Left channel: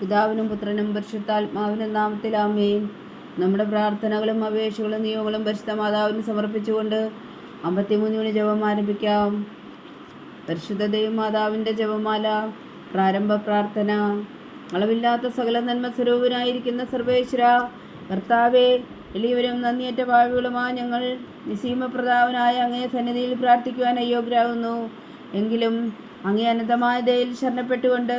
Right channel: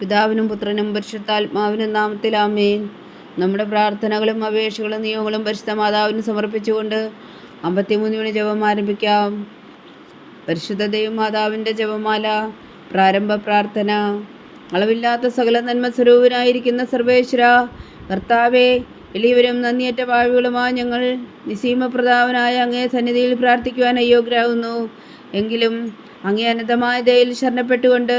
പിതാവിനും പുത്രനും പരിശുദ്ധാത്മാവിനും നാമത്തിൽ നാമത്തിലാമേൻ നമ്മുടെ പ്രാർത്ഥനകളും അപേക്ഷകളും നിയമങ്ങളും പരിശുദ്ധ മാതാവിന് സമർപ്പിച്ചുകൊണ്ട് അമ്പത്തിമൂന്ന് മണി ജപം ആരംഭിക്കാം. പരിശുദ്ധ ദൈവമാതാവിന്റെ ജപമാല പ്രാരംഭ പ്രാർത്ഥന. അളവില്ലാത്ത സകല നന്മ സ്വരൂപനായിരിക്കുന്ന സർവേശ്വര കർത്താവെ എളിയവരും നന്ദിയേറ്റ ഭാവികളുമായി ഞങ്ങൾ നിസീമപ്രതാവനായ അങ്ങേ സന്നിധിയിൽ പ്രാർത്ഥിക്കുവാൻ അയോഗ്യരാകുന്നു. എങ്കിലും അങ്ങേ അനന്തമായ ദയയിൽ ശരണപ്പെട്ടുകൊണ്ട്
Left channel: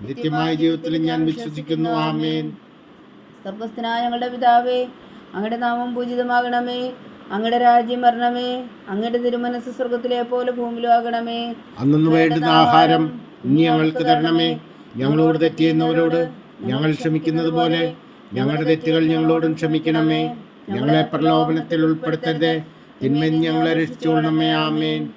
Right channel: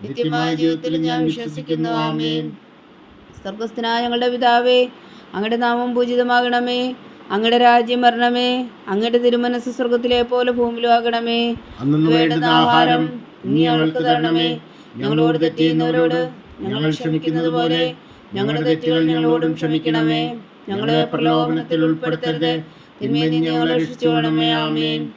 നിത്യമായ ജീവിതത്തിലും ഞാൻ വിശ്വസിക്കുന്നു. ആമേൻ. സ്വർഗസ്ഥനായ ഞങ്ങളുടെ പിതാവേ അങ്ങയുടെ നാമം പൂജിതമാകണമേ. അങ്ങയുടെ രാജ്യം വരണമേ. അങ്ങയുടെ തിരുമനസ് സ്വർഗത്തിലെ പോലെ ഭൂമിയിലും ആകണമേ. അന്നു വേണ്ടുന്ന ആഹാരം ഇനി ഞങ്ങൾക്ക് തരണമേ. ഞങ്ങളോട് തെറ്റിയുന്നവരോട് ഞങ്ങൾ ക്ഷമിക്കുന്നത് പോലെ ഞങ്ങളുടെ തെറ്റുകൾ ഞങ്ങളോടും ക്ഷമിക്കണമേ. ഞങ്ങളെ പ്രലോഭനത്തിൽ ഉൾപ്പെടുത്തരുത്. തിന്മയിൽ ഞങ്ങളെ രക്ഷിച്ചുകൊള്ളണമേ. ആമേൻ.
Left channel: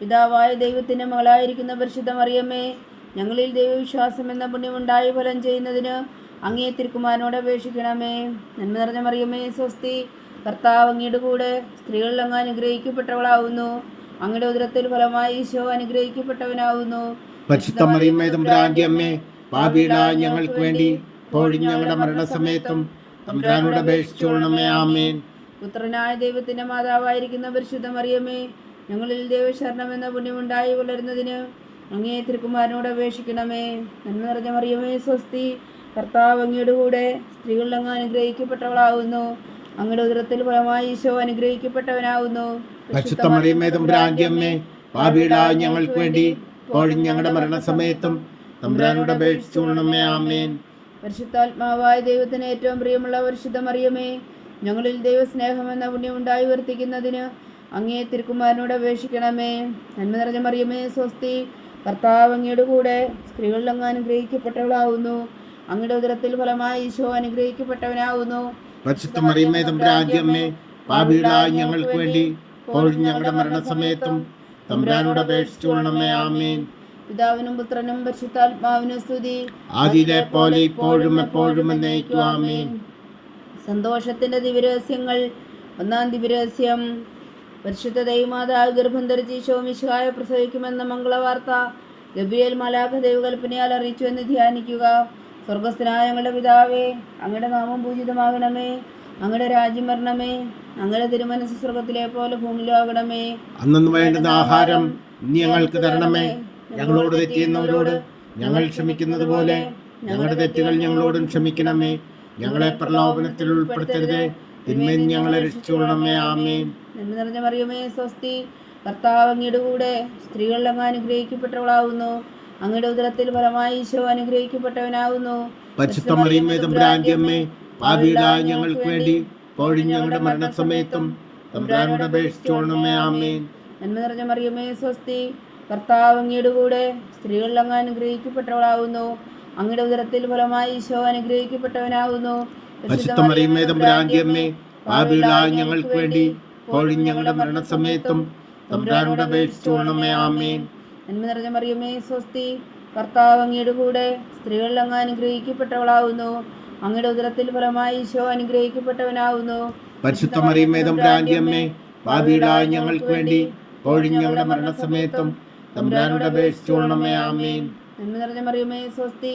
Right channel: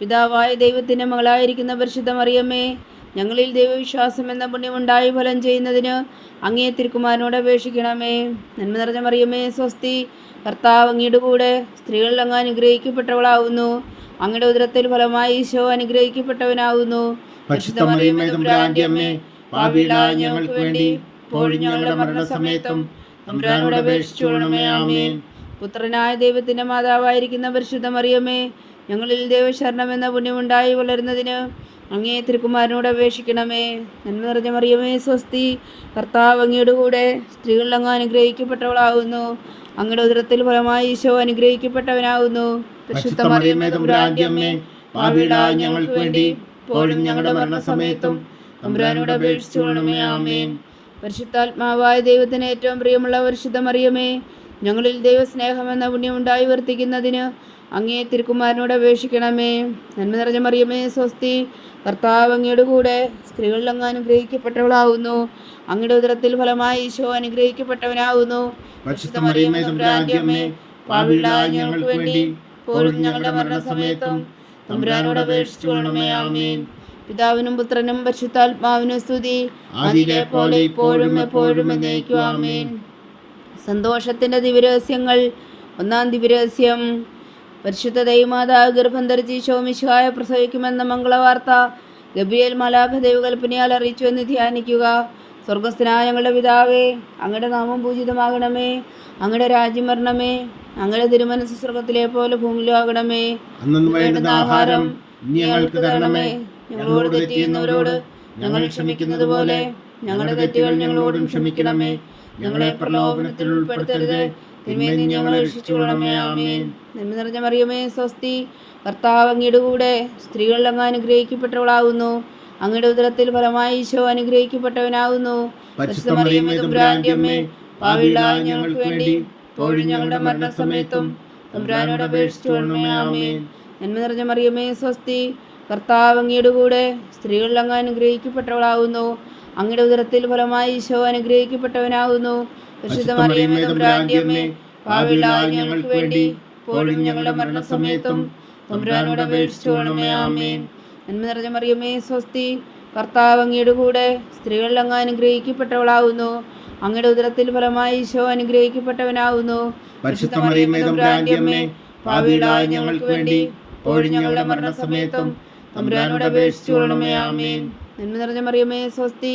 പിതാവായ ദൈവത്തിന്റെ മകളായിരിക്കുന്ന പരിശുദ്ധ മറിയമ്മേ ഞങ്ങളിൽ ദൈവവിശ്വാസം എന്ന പുണ്യമുണ്ടായി ഫലം ചെയ്യുന്നതിന് അങ്ങേ തിരുക്കുമാരനോട് അപേക്ഷിക്കണമേ. നന്മ നിറഞ്ഞ മറിയമേ സ്വസ്തി. കർത്താവ് അങ്ങയുടെ കൂടെ സ്ത്രീകളിൽ അങ്ങ് അനുഗ്രഹിക്കപ്പെട്ടവളാവുന്നു അങ്ങയുടെ ഉദരത്തിൽ ഫലമായി ഈശോ അനുഗ്രഹിക്കപ്പെട്ടവനാവുന്നു ഞങ്ങൾക്ക് വേണ്ടി ഞങ്ങളുടെ മരണസമയത്തും തമ്പുരാനോട് അപേക്ഷിച്ചുകൊള്ളണമേ ആമേൻ. പുത്രനായ ദൈവത്തിന്റെ മാതാവായിരിക്കുന്ന പരിശുദ്ധ മറിയമ്മേ ഞങ്ങളിൽ ദൈവശരണം എന്ന പുണ്യമുണ്ടായി വളരുന്നതിന് അങ്ങേ തിരുക്കുമാരനോട് അപേക്ഷിക്കണമേ. നന്മ നിറഞ്ഞ മറിയമേ സ്വസ്തി. കർത്താവ് അങ്ങയുടെ കൂടെ സ്ത്രീകളിൽ അങ്ങ് അനുഗ്രഹിക്കപ്പെട്ടവളാകുന്നു അങ്ങയുടെ ഉദരത്തിൽ ഫലമായി ഈശോ അനുഗ്രഹിക്കപ്പെട്ടവനാകുന്നു ഞങ്ങൾക്ക് വേണ്ടി ഇപ്പോഴും ഞങ്ങളുടെ മരണസമയത്തും തമ്പുരാനോട് അപേക്ഷിച്ചുകൊള്ളണമേ ആമേൻ. പരിശുദ്ധാത്മാവായ ദൈവത്തിന് ഏറ്റവും പ്രിയമുള്ള പരിശുദ്ധ മറിയമേ ഞങ്ങളിൽ ദൈവസ്നേഹം എന്ന പുണ്യം ഉണ്ടായി വർത്തിക്കുന്നതിന് അങ്ങേ തിരുക്കുമാരനോട് അപേക്ഷിക്കണമേ. നന്മ നിറഞ്ഞ മറിയമേ സ്വസ്തി. കർത്താവ് അങ്ങയുടെ കൂടെ സ്ത്രീകളിലങ്ങ് അനുഗ്രഹിക്കപ്പെട്ടവളാവുന്നു. അങ്ങയുടെ ഉദരത്തിൽ ഫലമായി ഈശോ അനുഗ്രഹിക്കപ്പെട്ടവനാവുന്നു. ഞങ്ങൾക്ക് വേണ്ടി ഞങ്ങളുടെ മരണസമയത്തും തമ്പുരാനോട് അപേക്ഷിച്ചുകൊള്ളണമേ ആമേൻ. പിതാവിനും പുത്രനും പരിശുദ്ധാത്മാവിനും സ്തുതി. പോലെ ഇപ്പോഴും എപ്പോഴും എന്നേക്കും ആമേൻ. സന്തോഷത്തിന്റെ ദിവരഹസ്യങ്ങൾ ഒന്നാം ദിവരഹസ്യം പരിശുദ്ധ ദൈവമാതാവ് ഗർഭം ധരിച്ച് ശോമിശായ പ്രസവിക്കുമെന്ന മംഗളവാർത്ത ഗബ്രിയേൽ മലാഖ ദൈവകൽപ്പനയാൽ അറിയിച്ചു എന്ന് ധ്യാനിക്കുക. സ്വർഗസ്ഥനായ ഞങ്ങളുടെ പിതാവേ അങ്ങയുടെ നാമം പൂജിതമാകണമേ. അങ്ങയുടെ രാജ്യം വരണമേ. അങ്ങയുടെ തിരുമനസ് സ്വർഗത്തിലെ പോലെ ഭൂമിയിലും ആകണമേ. അന്നു വേണ്ടുന്ന ആഹാരം ഞങ്ങൾക്ക് തരണമേ. ഞങ്ങളോട് തെറ്റിയുന്നവരോട് ഞങ്ങൾ ക്ഷമിക്കുന്നത് പോലെ ഞങ്ങളുടെ തെറ്റുകൾ ഞങ്ങളോടും ക്ഷമിക്കണമേ. ഞങ്ങളെ പ്രലോഭനത്തിൽ ഉൾപ്പെടുത്തരുത്. തിന്മയിൽ ഞങ്ങളെ രക്ഷിച്ചുകൊള്ളണമേ ആമേൻ. നന്മ നിറഞ്ഞ മറിയമേ സ്വസ്തി. കർത്താവ് അങ്ങയുടെ കൂടെ സ്ത്രീകളിൽ അങ്ങ് അനുഗ്രഹിക്കപ്പെട്ടവളാകുന്നു അങ്ങയുടെ ഉദരത്തിൽ ഫലമായി ഈശോ അനുഗ്രഹിക്കപ്പെട്ടവനാകുന്നു ഞങ്ങൾക്ക് വേണ്ടി ഞങ്ങളുടെ മരണസമയത്തും നന്മ നിറഞ്ഞ മറിയമേ സ്വസ്തി. കർത്താവ് അങ്ങയുടെ കൂടെ സ്ത്രീകളിൽ അങ്ങ് അനുഗ്രഹിക്കപ്പെട്ടവളാകുന്നു അങ്ങയുടെ ഉദരത്തിൽ ഫലമായി ഈശോ അനുഗ്രഹിക്കപ്പെട്ടവനാകുന്നു തമ്പുരാന്റെ അമ്മേ പാപികളായ ഞങ്ങൾക്ക് വേണ്ടി ഇപ്പോഴും ഞങ്ങളുടെ മരണസമയത്തും തമ്പുരാനോട് അപേക്ഷിച്ചുകൊള്ളണമേ ആമേൻ. നന്മ നിറഞ്ഞ മറിയമേ സ്വസ്തി കർത്താവ് അങ്ങയുടെ കൂടെ സ്ത്രീകളിൽ അങ്ങ് അനുഗ്രഹിക്കപ്പെട്ടവളാവുന്നു. അങ്ങയുടെ ഉദരത്തിൽ ഫലമായി ഈശോ അനുഗ്രഹിക്കപ്പെട്ടവനാവുന്നു. പരിശുദ്ധ മറിയമ്മേ തമ്പുരാന്റെ അമ്മേ പാപികളായ ഞങ്ങൾക്ക് വേണ്ടി ഇപ്പോഴും ഞങ്ങളുടെ മരണസമയത്തും തമ്പുരാനോട് അപേക്ഷിച്ചുകൊള്ളണമേ ആമേൻ. നന്മ നിറഞ്ഞ മറിയമേ സ്വസ്തി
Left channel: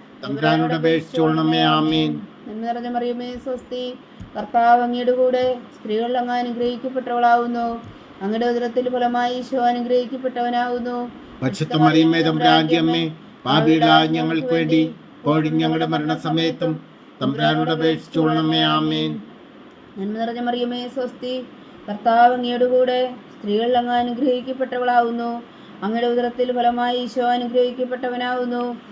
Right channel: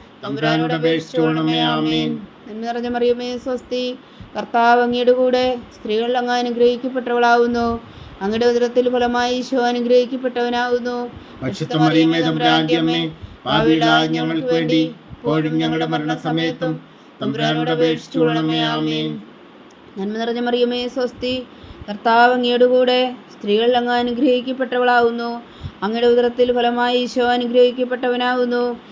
തമ്പുരാനോട് അപേക്ഷിച്ചോളണമേ ആമേൻ. നന്മ നിറഞ്ഞ മറിയമേ സ്വസ്തി. കർത്താവ് അങ്ങയുടെ കൂടെ സ്ത്രീകൾ അങ്ങ് അനുഗ്രഹിക്കപ്പെട്ടവളാവുന്നു. അങ്ങയുടെ ഉദരത്തിൽ ഫലമായി ഈശോ അനുഗ്രഹിക്കപ്പെട്ടവനാവുന്നു. പരിശുദ്ധ മറിയമേ തമ്പുരാന്റിയമ്മേ പാപികളായ ഞങ്ങൾക്ക് വേണ്ടി ഇപ്പോഴും ഞങ്ങളുടെ മരണസമയത്തും തമ്പുരാനോട് അപേക്ഷിച്ചോളണമേ ആമേൻ. നന്മ നിറഞ്ഞ മറിയമേ സ്വസ്തി. കർത്താവ് അങ്ങയുടെ കൂടെ സ്ത്രീകൾ അങ്ങ് അനുഗ്രഹിക്കപ്പെട്ടവളാവുന്നു. അങ്ങയുടെ ഉദരത്തിൽ ഫലമായി ഈശോ അനുഗ്രഹിക്കപ്പെട്ടവനാവുന്നു.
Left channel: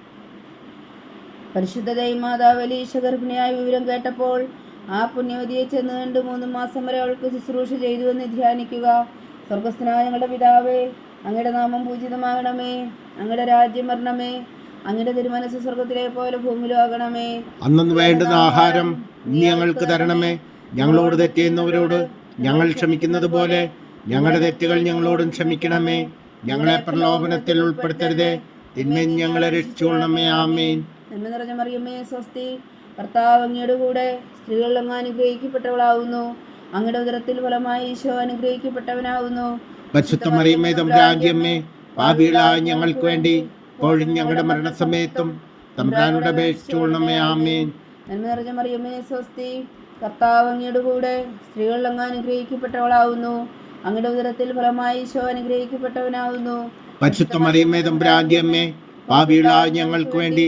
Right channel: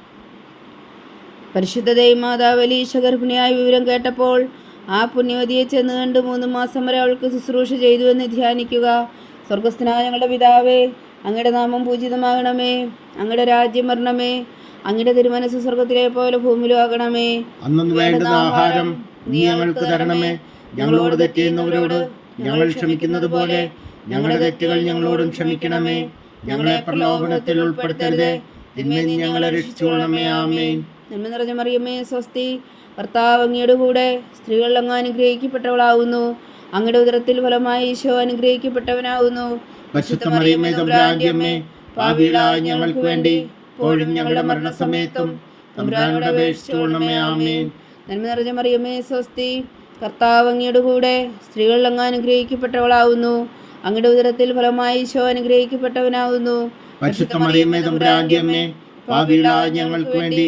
പരിശുദ്ധ ദൈവമാതാവലീശ ഗർഭിണിയായ വിവരം കേട്ടപ്പോൾ ആ പുണ്യവതിയെ ചെന്ന് കണ്ട് മൂന്ന് മാസം വരെ അവൾക്ക് ശുശ്രൂഷ ചെയ്തുവെന്ന് ധ്യാനിക്കുക. സ്വർഗസ്ഥനായ ഞങ്ങളുടെ പിതാവേ അങ്ങയുടെ നാമം പൂജിതമാകണമേ. അങ്ങയുടെ രാജ്യം വരണമേ. അങ്ങയുടെ തിരുമനസ് സ്വർഗത്തിലെ പോലെ ഭൂമിയിലും ആകണമേ. അന്നു വേണ്ടുന്ന ആഹാരം നീ ഞങ്ങൾക്ക് തരണമേ. ഞങ്ങളോട് തെറ്റിയുന്നവരോട് ഞങ്ങൾ ക്ഷമിക്കുന്നത് പോലെ ഞങ്ങളുടെ തെറ്റുകൾ ഞങ്ങളോടും ക്ഷമിക്കണമേ. ഞങ്ങളെ പ്രലോഭനത്തിൽ ഉൾപ്പെടുത്തരുതേ. തിന്നെ ഞങ്ങളെ രക്ഷിച്ചോളണമേ ആമേൻ. നന്മ നിറഞ്ഞ മറിയമ്മേ സ്വസ്തി. കർത്താവ് അങ്ങയുടെ കൂടെ സ്ത്രീകൾ അങ്ങ് അനുഗ്രഹിക്കപ്പെട്ടവളാവുന്നു. അങ്ങയുടെ ഉദരത്തിൽ ഫലമായി ഈശോ അനുഗ്രഹിക്കപ്പെട്ടവനാവുന്നു. പാപികളായ ഞങ്ങൾക്ക് വേണ്ടി ഇപ്പോഴും ഞങ്ങളുടെ മരണസമയത്തും തമ്പുരാനോട് അപേക്ഷിച്ചോളണമേ ആമേൻ. നന്മ നിറഞ്ഞ മറിയമ്മേ സ്വസ്തി. കർത്താവ് അങ്ങയുടെ കൂടെ സ്ത്രീകൾ അങ്ങ് അനുഗ്രഹിക്കപ്പെട്ടവളാവുന്നു. അങ്ങയുടെ ഉദരത്തിൽ ഫലമായി ഈശോ അനുഗ്രഹിക്കപ്പെട്ടവനാവുന്നു. പരിശുദ്ധ മറിയമ്മേ തമ്പുരാന്റിയമ്മേ പാപികളായ ഞങ്ങൾക്ക് വേണ്ടി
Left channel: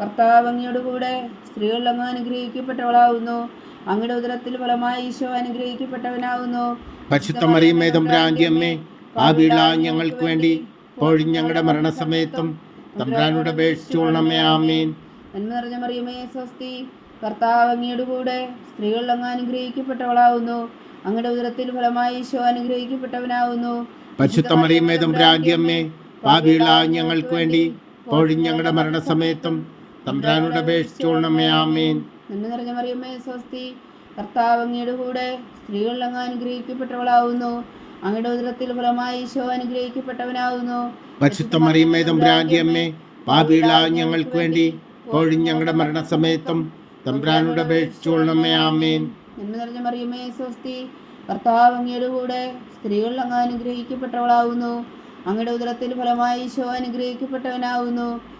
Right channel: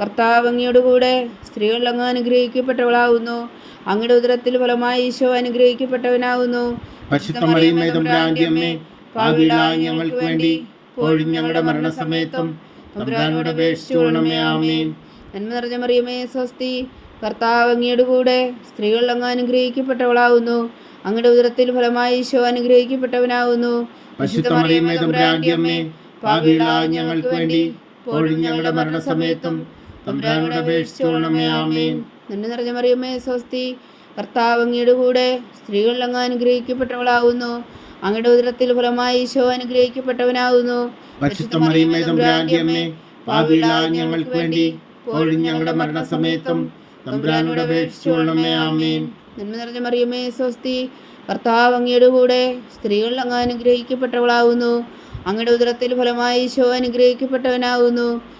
കർത്താവ് അങ്ങയോടുകൂടെ സ്ത്രീകൾ അങ്ങ് അനുഗ്രഹിക്കപ്പെട്ടവളാവുന്നു. അങ്ങയുടെ ഉദരത്തിൽ ഫലമായി ഈശോ അനുഗ്രഹിക്കപ്പെട്ടവനാവുന്നു. പരിശുദ്ധ മറിയമ്മേ തമ്പുരാന്റിയമ്മേ പാപികളായ ഞങ്ങൾക്ക് വേണ്ടി ഇപ്പോഴും ഞങ്ങളുടെ മരണസമയത്തും തമ്പുരാനോട് അപേക്ഷിച്ചോളണമേ ആമേൻ. നന്മ നിറഞ്ഞ മറിയമ്മേ സ്വസ്തി കർത്താവ് അങ്ങയുടെ കൂടെ സ്ത്രീകൾ അങ്ങ് അനുഗ്രഹിക്കപ്പെട്ടവളാവുന്നു. അങ്ങയുടെ ഉദരത്തിൽ ഫലമായി ഈശോ അനുഗ്രഹിക്കപ്പെട്ടവനാവുന്നു. പരിശുദ്ധ മറിയമ്മേ തമ്പുരാന്റിയമ്മേ പാപികളായ ഞങ്ങൾക്ക് വേണ്ടി ഇപ്പോഴും ഞങ്ങളുടെ മരണസമയത്തും തമ്പുരാനോട് അപേക്ഷിച്ചോളണമേ ആമേൻ. നന്മ നിറഞ്ഞ മറിയമ്മേ സ്വസ്തി. കർത്താവ് അങ്ങയുടെ കൂടെ സ്ത്രീകൾ അങ്ങ് അനുഗ്രഹിക്കപ്പെട്ടവളാവുന്നു. അങ്ങയുടെ ഉദരത്തിൽ ഫലമായി ഈശോ അനുഗ്രഹിക്കപ്പെട്ടവനാവുന്നു. പരിശുദ്ധ മറിയമ്മേ തമ്പുരാന്റിയമ്മേ പാപികളായ ഞങ്ങൾക്ക് വേണ്ടി ഇപ്പോഴും ഞങ്ങളുടെ മരണസമയത്തും തമ്പുരാനോട് അപേക്ഷിച്ചോളണമേ ആമേൻ. നന്മ നിറഞ്ഞ മറിയമ്മേ സ്വസ്തി. കർത്താവ് അങ്ങയുടെ കൂടെ സ്ത്രീകൾ അങ്ങ് അനുഗ്രഹിക്കപ്പെട്ടവളാവുന്നു. അങ്ങയുടെ ഉദരത്തിൽ ഫലമായി ഈശോ അനുഗ്രഹിക്കപ്പെട്ടവനാവുന്നു.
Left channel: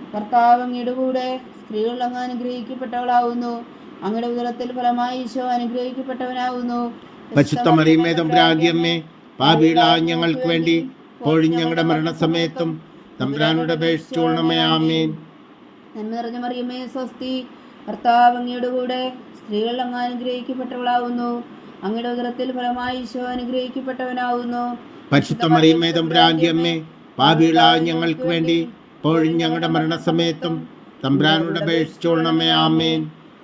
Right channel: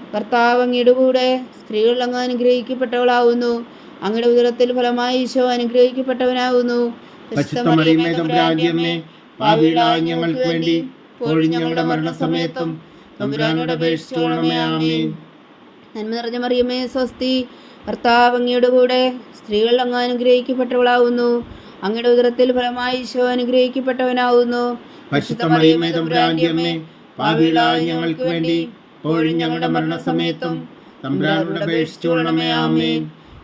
കർത്താവ് അങ്ങയുടെ കൂടെ സ്ത്രീകൾ അങ്ങ് അനുഗ്രഹിക്കപ്പെട്ടവളാവുന്നു. അങ്ങയുടെ ഉദരത്തിൽ ഫലമായി ഈശോ അനുഗ്രഹിക്കപ്പെട്ടവനാവുന്നു. പരിശുദ്ധ മറിയമേ തമ്പുരാന്റിയമ്മേ പാപികളായ ഞങ്ങൾക്ക് വേണ്ടി ഇപ്പോഴും ഞങ്ങളുടെ മരണസമയത്തും തമ്പുരാനോട് അപേക്ഷിച്ചോളണമേ ആമേൻ. നന്മ നിറഞ്ഞ മറിയമേ സ്വസ്തി. കർത്താവ് അങ്ങയുടെ കൂടെ സ്ത്രീകൾ അങ്ങ് അനുഗ്രഹിക്കപ്പെട്ടവളാവുന്നു. അങ്ങയുടെ ഉദരത്തിൽ ഫലമായി ഈശോ അനുഗ്രഹിക്കപ്പെട്ടവനാവുന്നു. പരിശുദ്ധ മറിയമേ തമ്പുരാന്റിയമ്മേ പാപികളായ ഞങ്ങൾക്ക് വേണ്ടി ഇപ്പോഴും ഞങ്ങളുടെ മരണസമയത്തും തമ്പ്രാനോട് അപേക്ഷിച്ചോളണമേ ആമേൻ.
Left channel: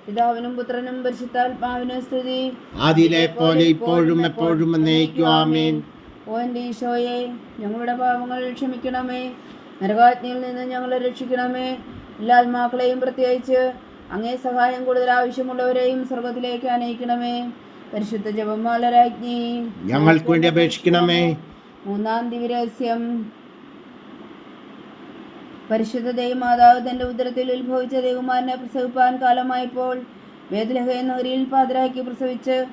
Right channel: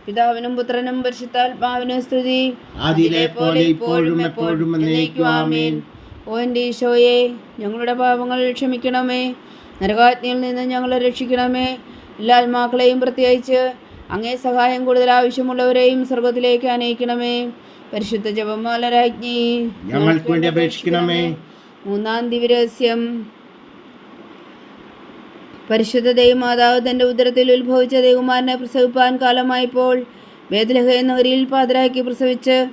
പിതാവിനും പുത്രനും പരിശുദ്ധാത്മാവിനും സ്തുതി. ആദിയിലെ പോലെ ഇപ്പോഴും എപ്പോഴും എന്നേക്കും ആമേൻ. ഓ എന്റെ ഈശോയെ ഞങ്ങളുടെ പാപങ്ങൾ ക്ഷമിക്കണമേ. നരകാജ്ഞയിൽ നിന്ന് ഞങ്ങളെ രക്ഷിക്കണമേ. എല്ലാ ആത്മാക്കളെയും പ്രത്യേകിച്ച് അങ്ങേ സഹായം കൂടുതൽ ആവശ്യമുള്ളവരെയും സ്വർഗത്തിലേക്ക് അനയിക്കണമേ. പരിശുദ്ധ ജപമാല രാജ്ഞി ഞങ്ങൾക്ക് വേണ്ടി അപേക്ഷിക്കണമേ. മൂന്നാം ദിവരഹസ്യം പരിശുദ്ധ ദൈവമാതാവ് തന്റെ ഉദരത്തിൽ ഉത്ഭവിച്ച ദൈവമാരനെ പ്രസവിപ്പാൻ കാലമായപ്പോൾ വേദലഹ നഗരിയിൽ പാതിരാക്കി പ്രസവിച്ച്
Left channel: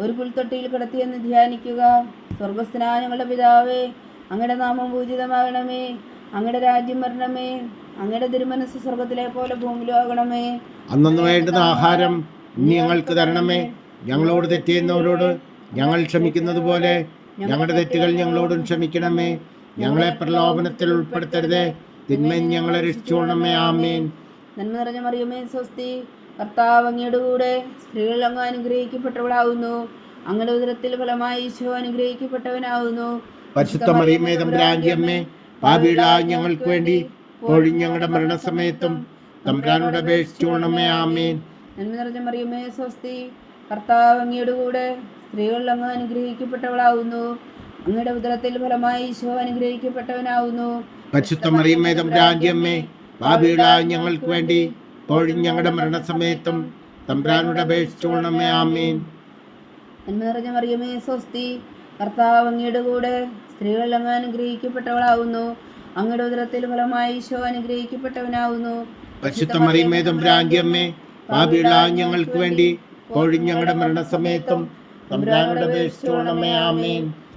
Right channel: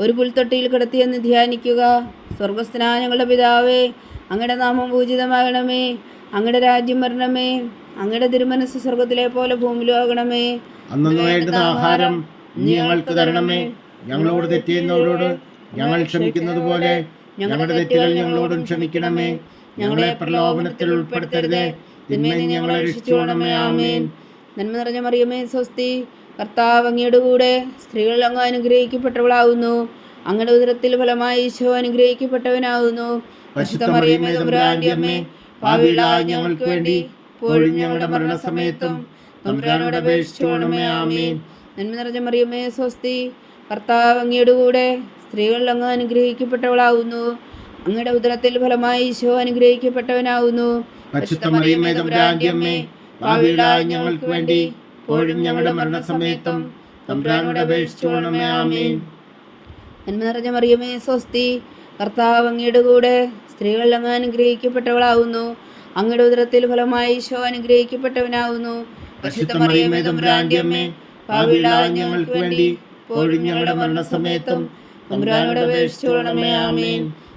ഒരു പുൽത്തൊട്ടിയിൽ കിടത്തിയെന്ന് ധ്യാനിക്കുക. സ്വർഗസ്നാനങ്ങളുടെ പിതാവേ അങ്ങയുടെ നാമം പൂജിതമാകണമേ അങ്ങയുടെ രാജ്യം വരണമേ അങ്ങയുടെ തിരുമനസ് സ്വർഗത്തിലെ പോലെ ഭൂമിയിലും ആകണമേ. അന്നു വേണ്ടുന്ന ആഹാരം നീ ഞങ്ങൾക്ക് തരണമേ. ഞങ്ങളോട് തെറ്റിയുന്നവരോട് ഞങ്ങൾ ക്ഷമിക്കുന്നത് പോലെ ഞങ്ങളുടെ തെറ്റുകൾ ഞങ്ങളോടും ക്ഷമിക്കണമേ. ഞങ്ങളെ പ്രലോഭനത്തിൽ ഉൾപ്പെടുത്തരുതേ. തിന്മയിൽ ഞങ്ങളെ രക്ഷിച്ചോണമേ ആമേൻ. നന്മ നിറഞ്ഞ മറിയമേ സ്വസ്തി. കർത്താവ് അങ്ങയുടെ കൂടെ സ്ത്രീകൾ അങ്ങ് അനുഗ്രഹിക്കപ്പെട്ടവളാകുന്നു അങ്ങയുടെ ഉദരത്തിൽ ഫലമായി ഈശോ അനുഗ്രഹിക്കപ്പെട്ടവനാകുന്നു പരിശുദ്ധ മറിയമേ തമ്പുരാന്റെ അമ്മേ പാപികളായ ഞങ്ങൾക്ക് വേണ്ടി ഞങ്ങളുടെ മരണസമയത്തും തമ്പുരാനോട് അപേക്ഷിച്ചോണമേ ആമേൻ. നന്മ നിറഞ്ഞ മറിയമേ സ്വസ്തി. കർത്താവ് അങ്ങയുടെ കൂടെ സ്ത്രീകൾ അങ്ങ് അനുഗ്രഹിക്കപ്പെട്ടവളാകുന്നു അങ്ങയുടെ ഉദരത്തിൽ ഫലമായി ഈശോ പാപികളായ ഞങ്ങൾക്ക് വേണ്ടി ഇപ്പോഴും ഞങ്ങളുടെ മരണസമയത്തും തമ്പുരാനോട് അപേക്ഷിച്ചോണമേ ആമേൻ. നന്മ നിറഞ്ഞ മറിയമേ സ്വസ്തി കർത്താവ് അങ്ങയുടെ കൂടെ സ്ത്രീകൾ അങ്ങ് അനുഗ്രഹിക്കപ്പെട്ടവളാവുന്നു. അങ്ങയുടെ ഉദരത്തിൽ ഫലമായി ഈശോ അനുഗ്രഹിക്കപ്പെട്ടവനാവുന്നു. അമ്മേ ഞങ്ങൾക്ക് വേണ്ടി ഇപ്പോഴും ഞങ്ങളുടെ മരണസമയത്തും തമ്പുരാനോട് അപേക്ഷിച്ചോണമേ ആമേൻ.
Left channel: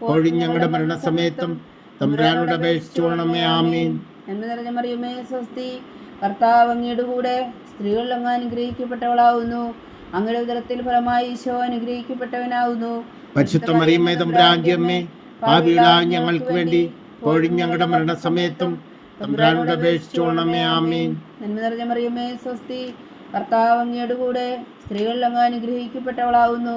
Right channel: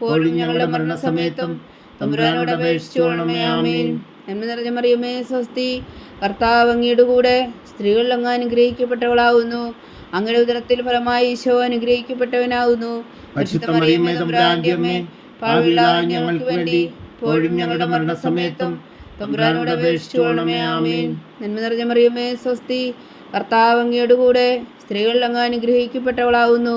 ഇപ്പോഴും ഞങ്ങളുടെ മരണസമയത്തും തമ്പുരാനോട് അപേക്ഷിച്ചോണമേ ആമീൻ. നന്മ നിറഞ്ഞ മറിയമേ സ്വസ്തി കർത്താവ് അങ്ങയുടെ കൂടെ സ്ത്രീകളിൽ അങ്ങ് അനുഗ്രഹിക്കപ്പെട്ടവളാവുന്നു. അങ്ങയുടെ ഉദരത്തിൽ ഫലമായി ഈശോ അനുഗ്രഹിക്കപ്പെട്ടവനാവുന്നു. പരിശുദ്ധ മറിയമേ തമ്പുരാന്റെ അമ്മേ പാപികളായ ഞങ്ങൾക്ക് വേണ്ടി ഇപ്പോഴും ഞങ്ങളുടെ മരണസമയത്തും തമ്പുരാനോട് അപേക്ഷിച്ചോണമേ ആമീൻ. നന്മ നിറഞ്ഞ മറിയമേ സ്വസ്തി കർത്താവ് അങ്ങയുടെ കൂടെ സ്ത്രീകളിൽ അങ്ങ് അനുഗ്രഹിക്കപ്പെട്ടവളാകുന്നു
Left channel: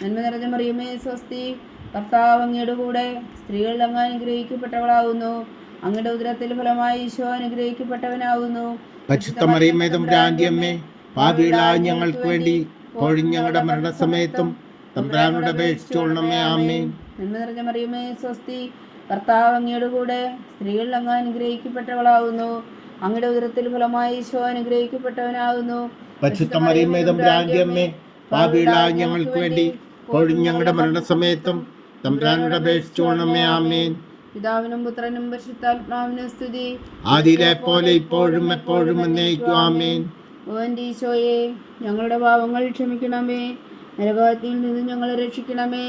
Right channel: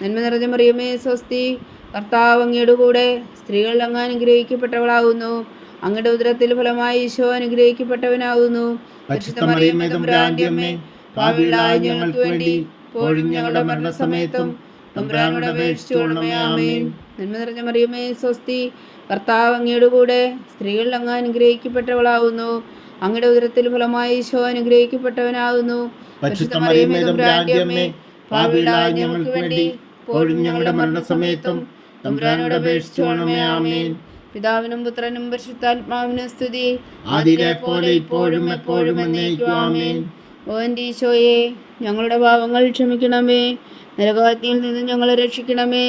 നന്മ നിറഞ്ഞ മറിയമേ സ്വസ്തി. കർത്താവ് അങ്ങയുടെ കൂടെ സ്ത്രീകൾ അങ്ങ് അനുഗ്രഹിക്കപ്പെട്ടവളാകുന്നു അങ്ങയുടെ ഉദരത്തിൽ ഫലമായി ഈശോ അനുഗ്രഹിക്കപ്പെട്ടവനാകുന്നു പാപികളായ ഞങ്ങൾക്ക് വേണ്ടി ഞങ്ങളുടെ മരണസമയത്തും നന്മ നിറഞ്ഞ മറിയമേ സ്വസ്തി. കർത്താവ് അങ്ങയുടെ കൂടെ സ്ത്രീകൾ അങ്ങ് അനുഗ്രഹിക്കപ്പെട്ടവളാകുന്നു അങ്ങയുടെ ഉദരത്തിൽ ഫലമായി ഈശോ അനുഗ്രഹിക്കപ്പെട്ടവനാകുന്നു പാപികളായ ഞങ്ങൾക്ക് വേണ്ടി ഇപ്പോഴും ഞങ്ങളുടെ മരണസമയത്തും തമ്പുരാനോട് അപേക്ഷിച്ചോളണമേ ആമേൻ. പിതാവിനും പുത്രനും പരിശുദ്ധാത്മാവിനും സ്തുതി. ആദിയിലെ പോലെ ഇപ്പോഴും എപ്പോഴും എന്നേക്കും ആമേൻ. ഓ എന്റെ ഈശോയെ ഞങ്ങളുടെ പാപങ്ങൾ ക്ഷമിക്കണമേ. നരകത്തിൽ നിന്ന് ഞങ്ങളെ രക്ഷിക്കണമേ.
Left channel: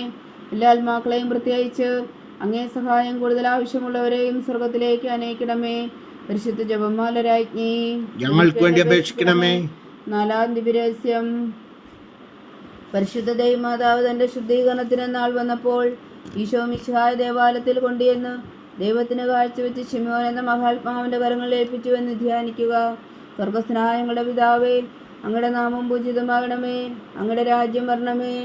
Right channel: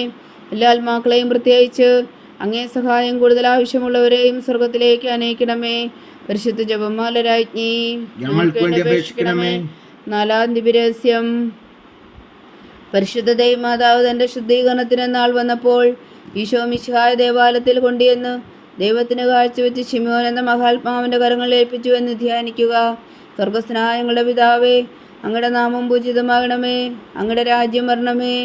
എല്ലാ ആത്മാക്കളെയും പ്രത്യേകിച്ച് അങ്ങേ സഹായം കൂടുതൽ ആവശ്യമുള്ളവരെയും സ്വർഗത്തിലേക്ക് അനയിക്കണമേ. പരിശുദ്ധ ജപമാല രാജ്ഞി ഞങ്ങൾക്ക് വേണ്ടി അപേക്ഷിക്കണമേ. നാലാം ദിവരഹസ്യം പരിശുദ്ധ ദൈവമാതാവ് തന്റെ ശുദ്ധീകരണത്തിന് നാൾ വന്നപ്പോൾ ഈശോ മിശിഹായ ദേവാലയത്തിൽ കൊണ്ടുവന്ന് ദൈവത്തിന് കാഴ്ചവെച്ച് ശിമോൻ എന്ന മഹാത്മാവിന്റെ കരങ്ങളിൽ ഏൽപ്പിച്ചു എന്ന് ധ്യാനിക്കുക. സ്വർഗസ്നായങ്ങളുടെ പിതാവേ അങ്ങയുടെ നാമം പൂജിതമാകണമേ അങ്ങയുടെ രാജ്യം വരണമേ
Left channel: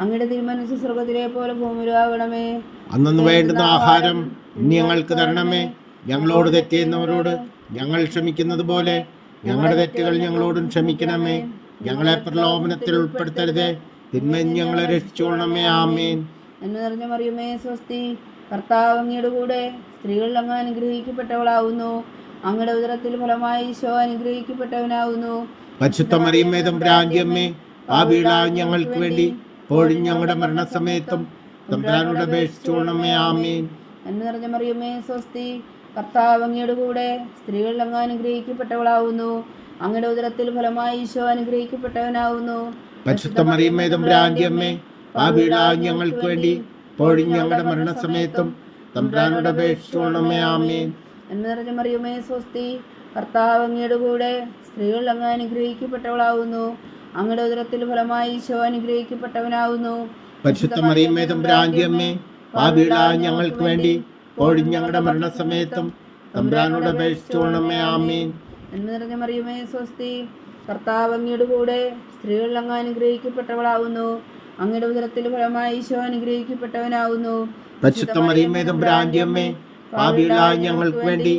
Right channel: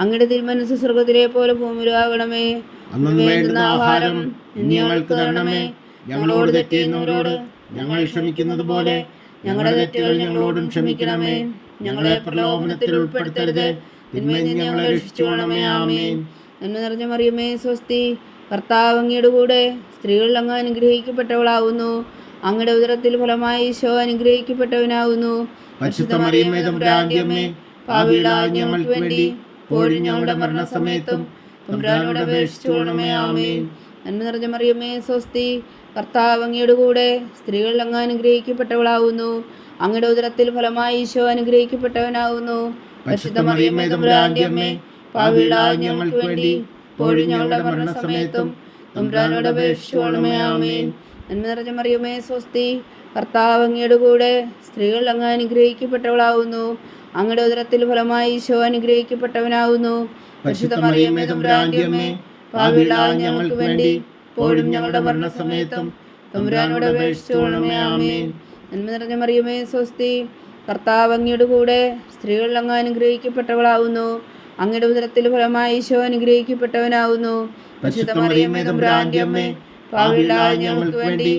അങ്ങയുടെ തിരുമനസ് സ്വർഗത്തിലെ പോലെ ഭൂമിയിലാകണമേ. അന്നു വേണ്ടുന്ന ആഹാരം ഞങ്ങൾക്ക് തരണമേ. ഞങ്ങളോട് തെറ്റിയുന്നവരോട് ഞങ്ങൾ ക്ഷമിക്കുന്നത് പോലെ ഞങ്ങളുടെ തെറ്റുകൾ ഞങ്ങളോടും ക്ഷമിക്കണമേ. ഞങ്ങളെ പ്രലോഭനത്തിൽ ഉൾപ്പെടുത്തരുത്. തിന്മയിൽ ഞങ്ങളെ രക്ഷിച്ചോണമേ ആമേൻ. നന്മ നിറഞ്ഞ മറിയമേ സ്വസ്തി. കർത്താവ് അങ്ങയുടെ കൂടെ സ്ത്രീകൾ അങ്ങ് അനുഗ്രഹിക്കപ്പെട്ടവളാവുന്നു. അങ്ങയുടെ ഉദരത്തിൽ ഫലമായി ഈശോ അനുഗ്രഹിക്കപ്പെട്ടവനാവുന്നു. പരിശുദ്ധ മറിയമ്മേ തമ്പുരാന്റിയമ്മേ പാപികളായ ഞങ്ങൾക്ക് വേണ്ടി ഇപ്പോഴും ഞങ്ങളുടെ മരണസമയത്തും തമ്പുരാനോട് അപേക്ഷിച്ചോണമേ ആമേൻ. നന്മ നിറഞ്ഞ മറിയമ്മേ സ്വസ്തി. കർത്താവ് അങ്ങയുടെ കൂടെ സ്ത്രീകൾ അങ്ങ് അനുഗ്രഹിക്കപ്പെട്ടവളാവുന്നു. അങ്ങയുടെ ഉദരത്തിൽ ഫലമായി ഈശോ അനുഗ്രഹിക്കപ്പെട്ടവനാകുന്നു ഞങ്ങൾക്ക് വേണ്ടി ഞങ്ങളുടെ മരണസമയത്തും തമ്പുരാനോട് അപേക്ഷിച്ചുകൊള്ളണമേ ആമേൻ. നന്മ നിറഞ്ഞ മറിയമേ സ്വസ്തി കർത്താവ് അങ്ങയുടെ കൂടെ സ്ത്രീകൾ അങ്ങ് അനുഗ്രഹിക്കപ്പെട്ടവളാവുന്നു. അങ്ങയുടെ ഉദരത്തിൽ ഫലമായി ഈശോ പാപികളായ ഞങ്ങൾക്ക് വേണ്ടി ഞങ്ങളുടെ മരണസമയത്തും. തമ്പുരാനോട് അപേക്ഷിച്ചുകൊള്ളണമേ ആമേൻ. നന്മ നിറഞ്ഞ മറിയമേ സ്വസ്തി. കർത്താവ് അങ്ങയുടെ കൂടെ സ്ത്രീകൾ അങ്ങ് അനുഗ്രഹിക്കപ്പെട്ടവളാവുന്നു. അങ്ങയുടെ ഉദരത്തിൽ ഫലമായി ഈശോ അനുഗ്രഹിക്കപ്പെട്ടവനാവുന്നു. ഞങ്ങൾക്ക് വേണ്ടി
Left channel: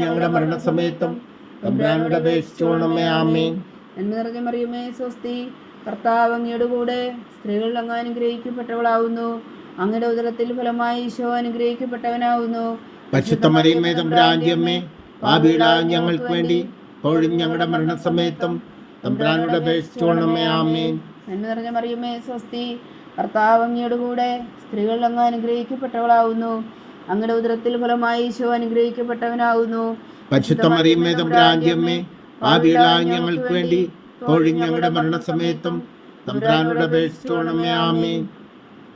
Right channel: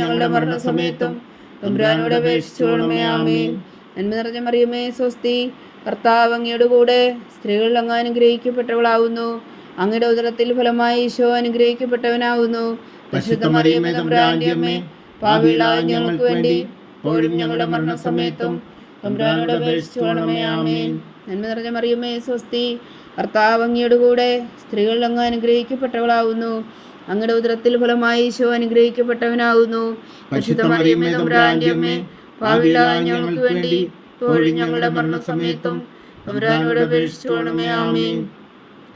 ഞങ്ങളുടെ മരണസമയത്തും തമ്പുരാനോട് അപേക്ഷിച്ചുകൊള്ളണമേ ആമേൻ. നന്മ നിറഞ്ഞ മറിയമേ സ്വസ്തി. കർത്താവ് അങ്ങയുടെ കൂടെ സ്ത്രീകൾ അങ്ങ് അനുഗ്രഹിക്കപ്പെട്ടവളാവുന്നു. അങ്ങയുടെ ഉദരത്തിൽ ഫലമായി ഈശോ അനുഗ്രഹിക്കപ്പെട്ടവനാവുന്നു. പരിശുദ്ധ മറിയമ്മേ തമ്പുരാന്റിയമ്മേ പാപികളായ ഞങ്ങൾക്ക് വേണ്ടി ഇപ്പോഴും ഞങ്ങളുടെ മരണസമയത്തും തമ്പുരാനോട് അപേക്ഷിച്ചുകൊള്ളണമേ ആമേൻ. നന്മ നിറഞ്ഞ മറിയമേ സ്വസ്തി. കർത്താവ് അങ്ങയുടെ കൂടെ സ്ത്രീകൾ അങ്ങ് അനുഗ്രഹിക്കപ്പെട്ടവളാവുന്നു. അങ്ങയുടെ ഉദരത്തിൽ ഫലമായി ഈശോ അനുഗ്രഹിക്കപ്പെട്ടവനാവുന്നു. പരിശുദ്ധ മറിയമ്മേ തമ്പുരാന്റിയമ്മേ പാപികളായ ഞങ്ങൾക്ക് വേണ്ടി ഇപ്പോഴും ഞങ്ങളുടെ മരണസമയത്തും തമ്പുരാനോട് അപേക്ഷിച്ചുകൊള്ളണമേ ആമേൻ.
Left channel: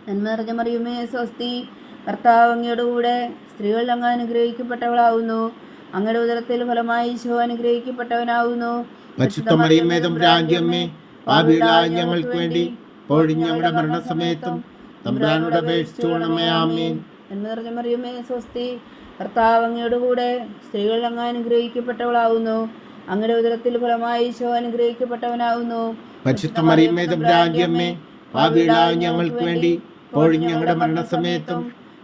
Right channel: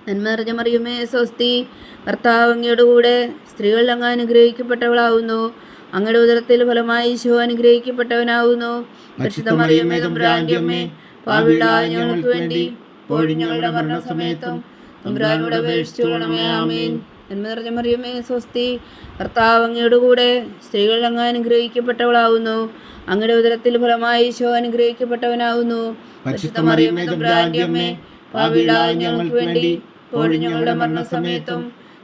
നന്മ നിറഞ്ഞ മറിയമേ സ്വസ്തി. കർത്താവ് അങ്ങയുടെ കൂടെ സ്ത്രീകൾ അങ്ങ് അനുഗ്രഹിക്കപ്പെട്ടവളാവുന്നു. അങ്ങയുടെ ഉദരത്തിൽ ഫലമായി ഈശോ അനുഗ്രഹിക്കപ്പെട്ടവനാകുന്നു. ഞങ്ങൾക്ക് വേണ്ടി ഞങ്ങളുടെ മരണസമയത്തും തമ്പുരാനോട് അപേക്ഷിച്ചുകൊള്ളണമേ ആമേൻ. നന്മ നിറഞ്ഞ മറിയമേ സ്വസ്തി കർത്താവ് അങ്ങയുടെ കൂടെ സ്ത്രീകൾ അങ്ങ് അനുഗ്രഹിക്കപ്പെട്ടവളാവുന്നു അങ്ങയുടെ ഉദരത്തിൽ ഫലമായി ഈശോ അനുഗ്രഹിക്കപ്പെട്ടവനാവുന്നു ഞങ്ങൾക്ക് വേണ്ടി ഞങ്ങളുടെ മരണസമയത്തും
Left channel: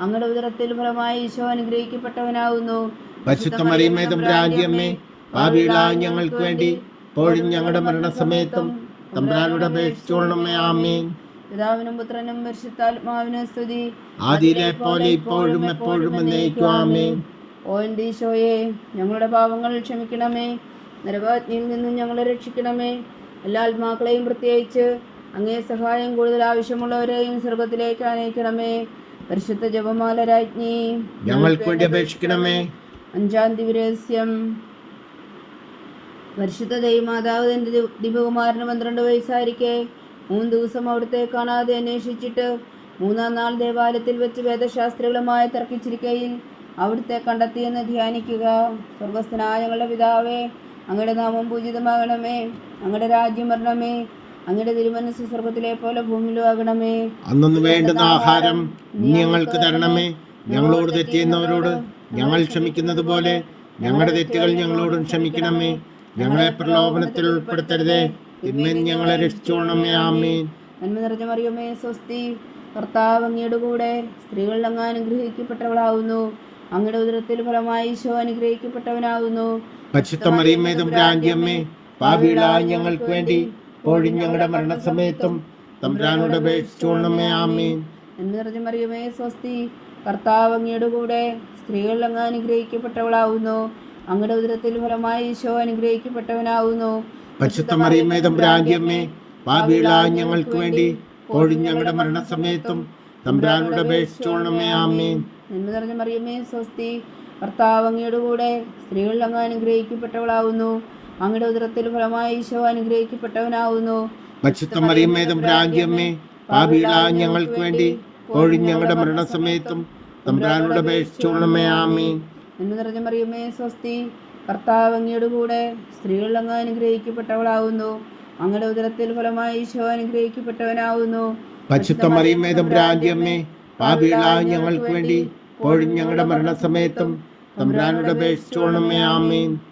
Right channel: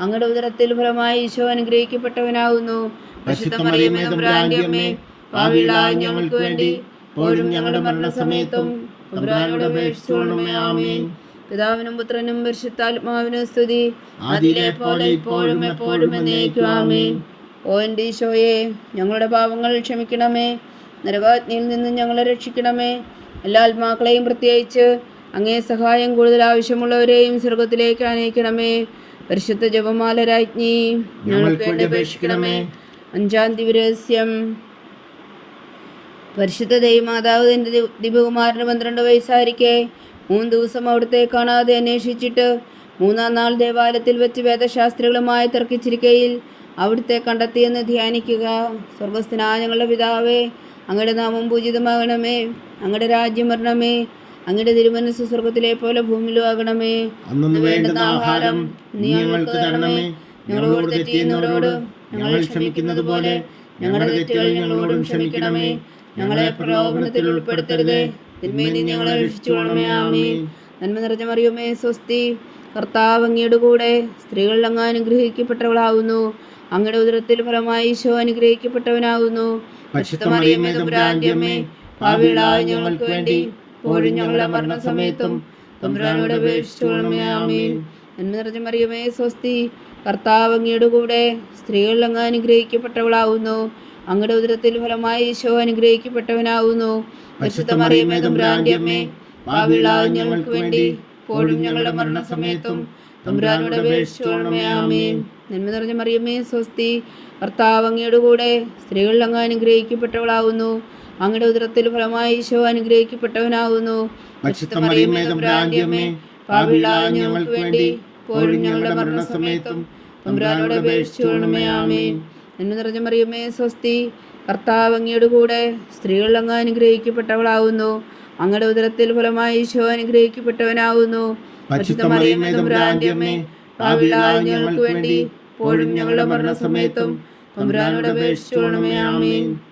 അങ്ങയുടെ ഉദരത്തിൽ ഫലമായി ഈശോ അനുഗ്രഹിക്കപ്പെട്ടവനാകുന്നു. ഞങ്ങൾക്ക് വേണ്ടി ഇപ്പോഴും ഞങ്ങളുടെ മരണസമയത്തും പിതാവിനും പുത്രനും പരിശുദ്ധാത്മാവിനും സ്തുതി. ആദിയിലെ പോലെ ഇപ്പോഴും എപ്പോഴും ഓ എന്റെ ഈശോയെ ഞങ്ങളുടെ പാപങ്ങൾ ക്ഷമിക്കണമേ. നരകാജ്ഞയിൽ നിന്ന് ഞങ്ങളെ രക്ഷിക്കണമേ. എല്ലാ ആത്മാക്കളെയും പ്രത്യേകിച്ച് അങ്ങേ സഹായം കൂടുതൽ ആവശ്യമുള്ളവരെയും സ്വർഗത്തിലേക്ക് അനയിക്കണമേ പരിശുദ്ധ ജപമാല രാജ്ഞി ഞങ്ങൾക്ക് വേണ്ടി അപേക്ഷിക്കണമേ അഞ്ചാം ദിവരഹസ്യം പരിശുദ്ധ ദൈവമാതാവ് തന്റെ ദിവകുമാരന് പന്ത്രണ്ട് വയസ്സായിരിക്കെ. മൂന്ന് ദിവസം അവിടുത്തെ കാണാതെ അന്വേഷിച്ചിട്ട് മൂന്നാം നാൾ ദേവാലയത്തിൽ വെച്ച് വേദശാസ്ത്രികളുമായി തർക്കിച്ചിരിക്കയിൽ അവിടുത്തെ കണ്ടെത്തിയെന്ന് ധ്യാനിക്കുക. സ്വർഗസ്ഥനായ ഞങ്ങളുടെ പിതാവേ അങ്ങയുടെ നാമം പൂജിതമാകണമേ. അങ്ങയുടെ രാജ്യം വരണമേ. അങ്ങയുടെ തിരുമനസ് സ്വർഗത്തിലെ പോലെ ഭൂമിയിലും ആകണമേ. അന്നു വേണ്ടുന്ന ആഹാരം നീ ഞങ്ങൾക്ക് തരണമേ. ഞങ്ങളോട് തെറ്റിയുന്നവരോട് ഞങ്ങൾ ക്ഷമിക്കുന്നത് പോലെ ഞങ്ങളുടെ തെറ്റുകൾ ഞങ്ങളോടും ക്ഷമിക്കണമേ. ഞങ്ങളെ പ്രലോഭനത്തിൽ ഉൾപ്പെടുത്തരുതേ. തിന്മയിൽ ഞങ്ങളെ രക്ഷിച്ചോണമേ ആമേ നന്മ നിറഞ്ഞ മറിയുമേ സ്വസ്തി. കർത്താവ് അങ്ങയുടെ കൂടെ സ്ത്രീകൾ അങ്ങ് അനുഗ്രഹിക്കപ്പെട്ടവളാവുന്നു. അങ്ങയുടെ ഉദരത്തിൽ ഫലമായി ഈശോ അനുഗ്രഹിക്കപ്പെട്ടവനാവുന്നു. പരിശുദ്ധ മറിയമ്മേ തമ്പുരാന്റിയമ്മേ പാപികളായ ഞങ്ങൾക്ക് വേണ്ടി ഇപ്പോഴും ഞങ്ങളുടെ മരണസമയത്തും തമ്പുരാനോട് അപേക്ഷിച്ചുകൊള്ളണമേ ആമേൻ. നന്മ നിറഞ്ഞ മറിയമേ സ്വസ്തി. കർത്താവ് അങ്ങയുടെ കൂടെ സ്ത്രീകൾ അങ്ങ് അനുഗ്രഹിക്കപ്പെട്ടവളാവുന്നു. അങ്ങയുടെ ഉദരത്തിൽ ഫലമായി ഈശോ അനുഗ്രഹിക്കപ്പെട്ടവനാവുന്നു. പരിശുദ്ധ മറിയമ്മേ തമ്പുരാന്റിയമ്മേ പാപികളായ ഞങ്ങൾക്ക് വേണ്ടി ഇപ്പോഴും ഞങ്ങളുടെ മരണസമയത്തും തമ്പുരാനോട് അപേക്ഷിച്ചുകൊള്ളണമേ ആമേൻ. നന്മ നിറഞ്ഞ മറിയമ്മേ സ്വസ്തി. കർത്താവ് അങ്ങയുടെ കൂടെ സ്ത്രീകൾ അങ്ങ് അനുഗ്രഹിക്കപ്പെട്ടവളാവുന്നു. അങ്ങയുടെ ഉദരത്തിൽ ഫലമായി ഈശോ അനുഗ്രഹിക്കപ്പെട്ടവനാവുന്നു ഞങ്ങൾക്ക് വേണ്ടി ഞങ്ങളുടെ മരണസമയത്തും തമ്പുരാനോട് അപേക്ഷിച്ചുകൊള്ളണമേ ആമീൻ. എന്ന് നിറഞ്ഞ മറിയമേ സ്വസ്തി കർത്താവ് അങ്ങയുടെ കൂടെ സ്ത്രീകൾ അങ്ങ് അനുഗ്രഹിക്കപ്പെട്ടവളാവുന്നു. അങ്ങയുടെ ഉദരത്തിൽ ഫലമായി ഈശോ അനുഗ്രഹിക്കപ്പെട്ടവനാവുന്നു. ഞങ്ങൾക്ക് വേണ്ടി ഞങ്ങളുടെ മരണസമയത്തും തമ്പുരാനോട് അപേക്ഷിച്ചുകൊള്ളണമേ ആമേൻ.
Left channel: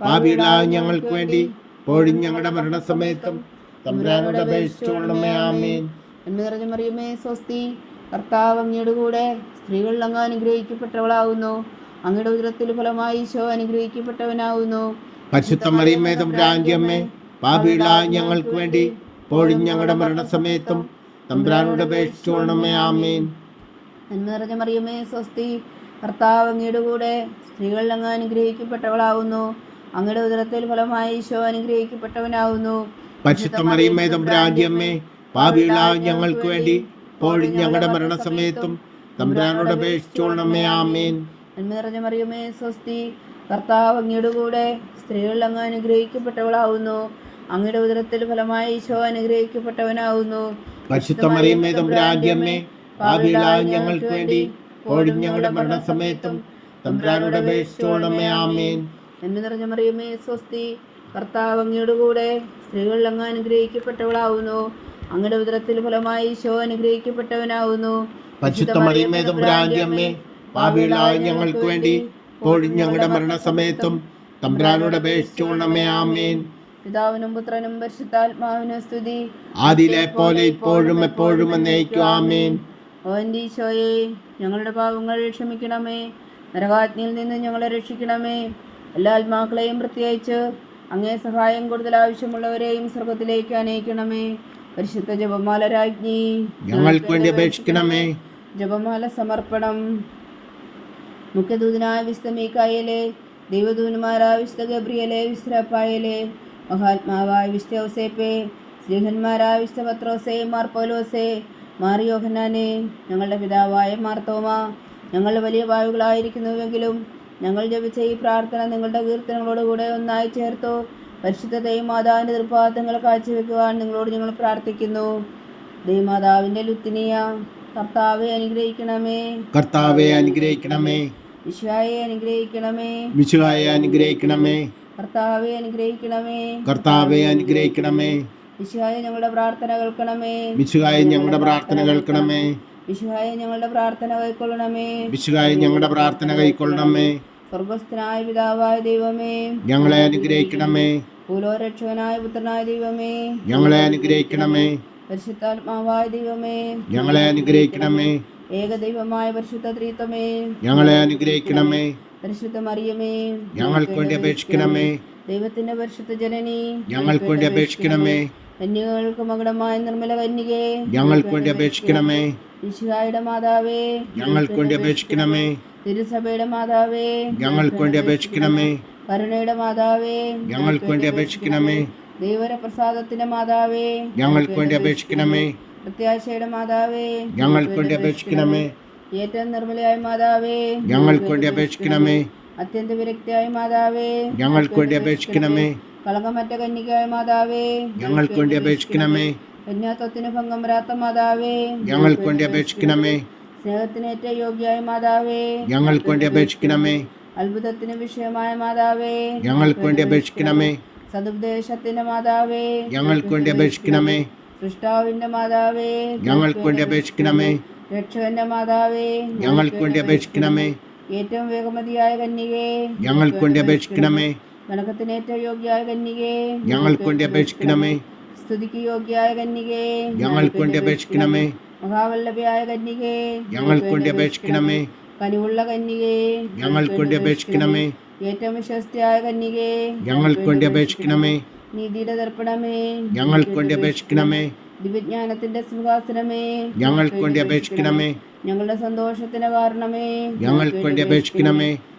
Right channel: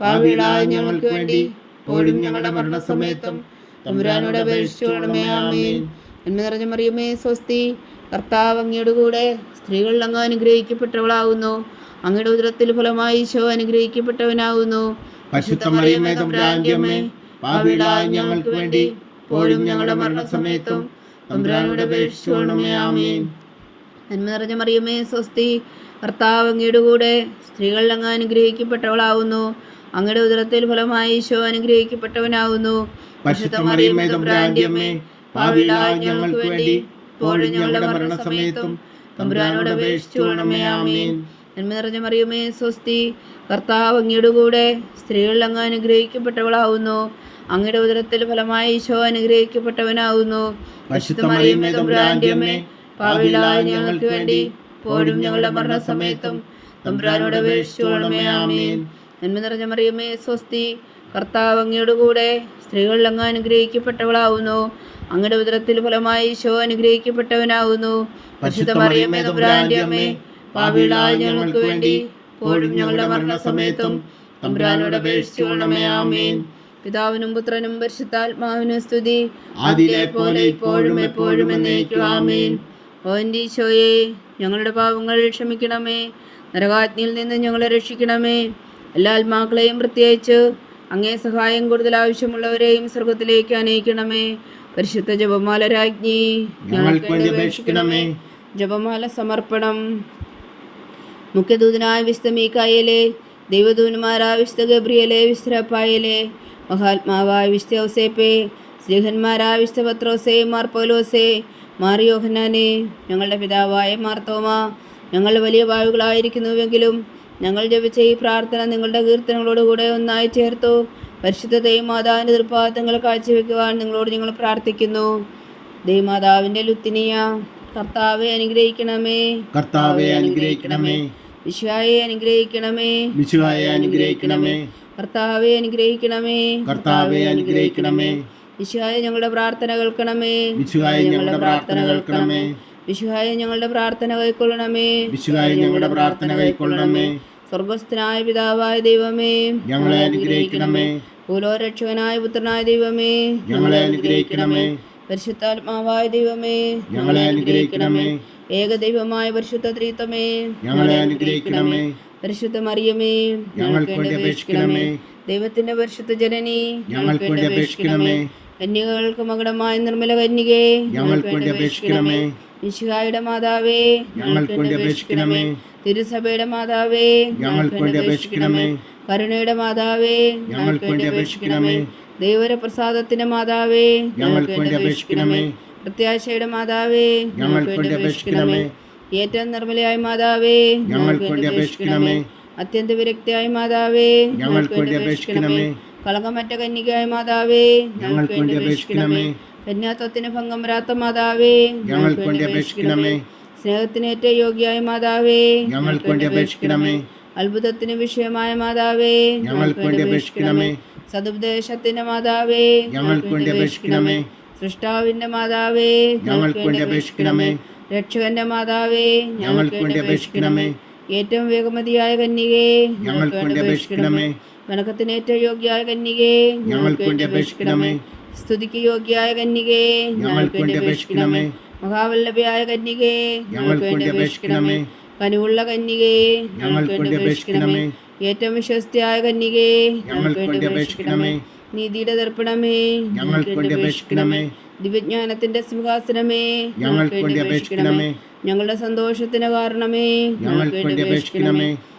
പാപികളായ ഞങ്ങൾക്ക് വേണ്ടി ഇപ്പോഴും ഞങ്ങളുടെ മരണസമയത്തും തമ്പുരാനോട് നിറഞ്ഞ മറിയമേ സ്വസ്തി കർത്താവ് അങ്ങയുടെ കൂടെ സ്ത്രീകൾ അങ്ങ് അനുഗ്രഹിക്കപ്പെട്ടവളാവുന്നു. അങ്ങയുടെ ഉദരത്തിൽ ഫലമായി ഈശോ അനുഗ്രഹിക്കപ്പെട്ടവനാവുന്നു. തമ്പുരാന്റെ അമ്മേ ഞങ്ങൾക്ക് വേണ്ടി ഇപ്പോഴും ഞങ്ങളുടെ മരണസമയത്തും തമ്പുരാനോട് അപേക്ഷിച്ചുകൊള്ളണമേ ആമേൻ. നന്മ നിറഞ്ഞ മറിയമേ സ്വസ്തി കർത്താവ് അങ്ങയുടെ കൂടെ സ്ത്രീകളിൽ അങ്ങ് അനുഗ്രഹിക്കപ്പെട്ടവളാവുന്നു. അങ്ങയുടെ ഉദരത്തിൽ ഫലമായി ഈശോ അനുഗ്രഹിക്കപ്പെട്ടവനാവുന്നു. പരിശുദ്ധ മറിയമേ തമ്പുരാന്റെ അമ്മേ പാപികളായ ഞങ്ങൾക്ക് വേണ്ടി ഇപ്പോഴും ഞങ്ങളുടെ മരണസമയത്തും തമ്പുരാനോട് അപേക്ഷിച്ചുകൊള്ളണമേ ആമേൻ. നന്മ നിറഞ്ഞ മറിയമേ സ്വസ്തി കർത്താവ് അങ്ങയുടെ കൂടെ സ്ത്രീകളിൽ അങ്ങ് അനുഗ്രഹിക്കപ്പെട്ടവളാവുന്നു. അങ്ങയുടെ ഉദരത്തിൽ ഫലമായി ഈശോ അനുഗ്രഹിക്കപ്പെട്ടവനാവുന്നു. പാപികളായ ഞങ്ങൾക്ക് വേണ്ടി ഇപ്പോഴും ഞങ്ങളുടെ മരണസമയത്തും തമ്പുരാനോട് അപേക്ഷിച്ചുകൊള്ളണമേ ആമേൻ. നന്മ നിറഞ്ഞ മറിയമേ സ്വസ്തി. കർത്താവ് അങ്ങയുടെ കൂടെ സ്ത്രീകൾ അങ്ങ് അനുഗ്രഹിക്കപ്പെട്ടവളാവുന്നു. അങ്ങയുടെ ഉദരത്തിൽ ഫലമായി ഈശോ അനുഗ്രഹിക്കപ്പെട്ടവനാവുന്നു. പാപികളായ ഞങ്ങൾക്ക് വേണ്ടി ഞങ്ങളുടെ മരണസമയത്തും. തമ്പുരാനോട് അപേക്ഷിച്ചുകൊള്ളണമേ ആമേൻ. പിതാവിനും പുത്രനും പരിശുദ്ധാത്മാവിനും സ്തുതി. ആദിയിലെ പോലെ ഇപ്പോഴും എപ്പോഴും എന്നേക്കും ആമേൻ. ഓ ഈശോയെ ഞങ്ങളുടെ പാപങ്ങൾ ക്ഷമിക്കണമേ. നരകാജ്ഞയിൽ നിന്ന് ഞങ്ങളെ രക്ഷിക്കണമേ. എല്ലാ ആത്മാക്കളെയും പ്രത്യേകിച്ച് അങ്ങേ സഹായം കൂടുതൽ ആവശ്യമുള്ളവരെയും സ്വർഗത്തിലേക്ക് അനയിക്കണമേ. പരിശുദ്ധ ജപമാല രാജ്ഞി ഞങ്ങൾക്ക് വേണ്ടി അപേക്ഷിക്കണമേ. ജപമാല സമർപ്പണം. മുഖ്യദൂതനായ വിശുദ്ധ മീക്കായലെ ദൈവദൂതന്മാരായ വിശുദ്ധ ഗബ്രിയലെ മഹാത്മാവായ വിശുദ്ധ ഔസേപ്പെ സ്ത്രീഹന്മാരായ വിശുദ്ധ പത്രോസെ മാർ പൗലോസെ മാർ ഞങ്ങളുടെ പിതാവായ മാർത്തോമ ഞങ്ങൾ വലിയ വായുകളായിരിക്കുന്നുവെങ്കിലും ഞങ്ങൾ ജപിച്ച ഈ പ്രാർത്ഥന നിങ്ങളുടെ കീർത്തനങ്ങളോടുകൂടെ ഒന്നായി ചേർത്തു. പരിശുദ്ധ മാതാവിന്റെ തൃപ്പാദങ്ങൾ കാഴ്ചവെക്കുവാൻ നിങ്ങളോട് ഞങ്ങൾ പ്രാർത്ഥിക്കുന്നു. ദൈവമാതാവിന്റെ ലുത്തിനിയ കർത്താവെ അനുഗ്രഹിക്കണമേ. കർത്താവെ അനുഗ്രഹിക്കണമേ. വിശ്വായെ അനുഗ്രഹിക്കണമേ. വിശുവായെ അനുഗ്രഹിക്കണമേ. കർത്താവെ അനുഗ്രഹിക്കണമേ. കർത്താവെ അനുഗ്രഹിക്കണമേ. വിശ്വായ ഞങ്ങളുടെ പ്രാർത്ഥന കേൾക്കണമേ. വിശ്വായ ഞങ്ങളുടെ പ്രാർത്ഥന കേൾക്കണമേ. വിശ്വായെ ഞങ്ങളുടെ പ്രാർത്ഥന കൈക്കൊള്ളണമേ. വിശുഹായ ഞങ്ങളുടെ പ്രാർത്ഥന കൈക്കൊള്ളണമേ. സ്വർഗസ്ഥനായ പിതാവായ ദൈവമേ. ഞങ്ങളെ അനുഗ്രഹിക്കണമേ. ഭൂലോരക്ഷകനായ പുത്രനായ ദൈവമേ. ഞങ്ങളെ അനുഗ്രഹിക്കണമേ. പരിശുദ്ധാത്മാവായ ദൈവമേ. ഞങ്ങളെ അനുഗ്രഹിക്കണമേ. ഏകദൈവമായ പരിശുദ്ധ ത്രീത്വമേ. ഞങ്ങളെ അനുഗ്രഹിക്കണമേ. പരിശുദ്ധ മറിയമേ. ഞങ്ങൾക്ക് വേണ്ടി അപേക്ഷിക്കണമേ. ദൈവത്തിന്റെ പരിശുദ്ധ ജനനി ഞങ്ങൾക്ക് വേണ്ടി അപേക്ഷിക്കണമേ. കന്യകൾക്ക് മകുടമായ നിർമ്മല കന്യകേ ഞങ്ങൾക്ക് വേണ്ടി അപേക്ഷിക്കണമേ ഈശുഹായുടെ മാതാവേ ഞങ്ങൾക്ക് വേണ്ടി അപേക്ഷിക്കണമേ തിരുസഭയുടെ മാതാവേ ഞങ്ങൾക്ക് വേണ്ടി അപേക്ഷിക്കണമേ കരുണയുടെ മാതാവേ ഞങ്ങൾക്ക് വേണ്ടി അപേക്ഷിക്കണമേ ദൈവര പ്രസാദത്തിന്റെ മാതാവേ ഞങ്ങൾക്ക് വേണ്ടി അപേക്ഷിക്കണമേ പ്രത്യാശയുടെ മാതാവേ ഞങ്ങൾക്ക് വേണ്ടി അപേക്ഷിക്കണമേ ഏറ്റവും നിർമ്മലയായ മാതാവേ ഞങ്ങൾക്ക് വേണ്ടി അപേക്ഷിക്കണമേ അത്യന്ത വിരക്തിയായ മാതാവേ ഞങ്ങൾക്ക് വേണ്ടി അപേക്ഷിക്കണമേ കളങ്കമറ്റ കന്യകായ മാതാവേ ഞങ്ങൾക്ക് വേണ്ടി അപേക്ഷിക്കണമേ. കന്യാത്വത്തിന് ഭംഗം വരാത്ത മാതാവേ ഞങ്ങൾക്ക് വേണ്ടി അപേക്ഷിക്കണമേ. സ്നേഹത്തിന് ഏറ്റവും യോഗ്യായ മാതാവേ ഞങ്ങൾക്ക് വേണ്ടി അപേക്ഷിക്കണമേ. അത്ഭുതത്തിന് വിഷയമായ മാതാവേ ഞങ്ങൾക്ക് വേണ്ടി അപേക്ഷിക്കണമേ. സതുപദേശത്തിന്റെ മാതാവേ ഞങ്ങൾക്ക് വേണ്ടി അപേക്ഷിക്കണമേ. സൃഷ്ടാവിന്റെ മാതാവേ ഞങ്ങൾക്ക് വേണ്ടി അപേക്ഷിക്കണമേ. രക്ഷകന്റെ മാതാവേ ഞങ്ങൾക്ക് വേണ്ടി അപേക്ഷിക്കണമേ. ഏറ്റവും വേഗമതിയായ കന്യകേ ഞങ്ങൾക്ക് വേണ്ടി അപേക്ഷിക്കണമേ. വണക്കത്തിന് യോഗ്യായ കന്യകേ ഞങ്ങൾക്ക് വേണ്ടി അപേക്ഷിക്കണമേ. സ്തുതിക്ക് യോഗ്യായ കന്യകേ ഞങ്ങൾക്ക് വേണ്ടി അപേക്ഷിക്കണമേ. മഹാവല്ലഭയായ കന്യകേ ഞങ്ങൾക്ക് വേണ്ടി അപേക്ഷിക്കണമേ. കനിവുള്ള കന്യകേ ഞങ്ങൾക്ക് വേണ്ടി അപേക്ഷിക്കണമേ. ഏറ്റവും വിശ്വസ്തയായ കന്യകേ ഞങ്ങൾക്ക് വേണ്ടി അപേക്ഷിക്കണമേ. നീതിയുടെ ദർപ്പണമേ ഞങ്ങൾക്ക് വേണ്ടി അപേക്ഷിക്കണമേ. ദിവ്യജ്ഞാനത്തിന്റെ സിംഹാസനമേ ഞങ്ങൾക്ക് വേണ്ടി അപേക്ഷിക്കണമേ. ഞങ്ങളുടെ സന്തോഷത്തിന് കാരണമേ ഞങ്ങൾക്ക് വേണ്ടി അപേക്ഷിക്കണമേ.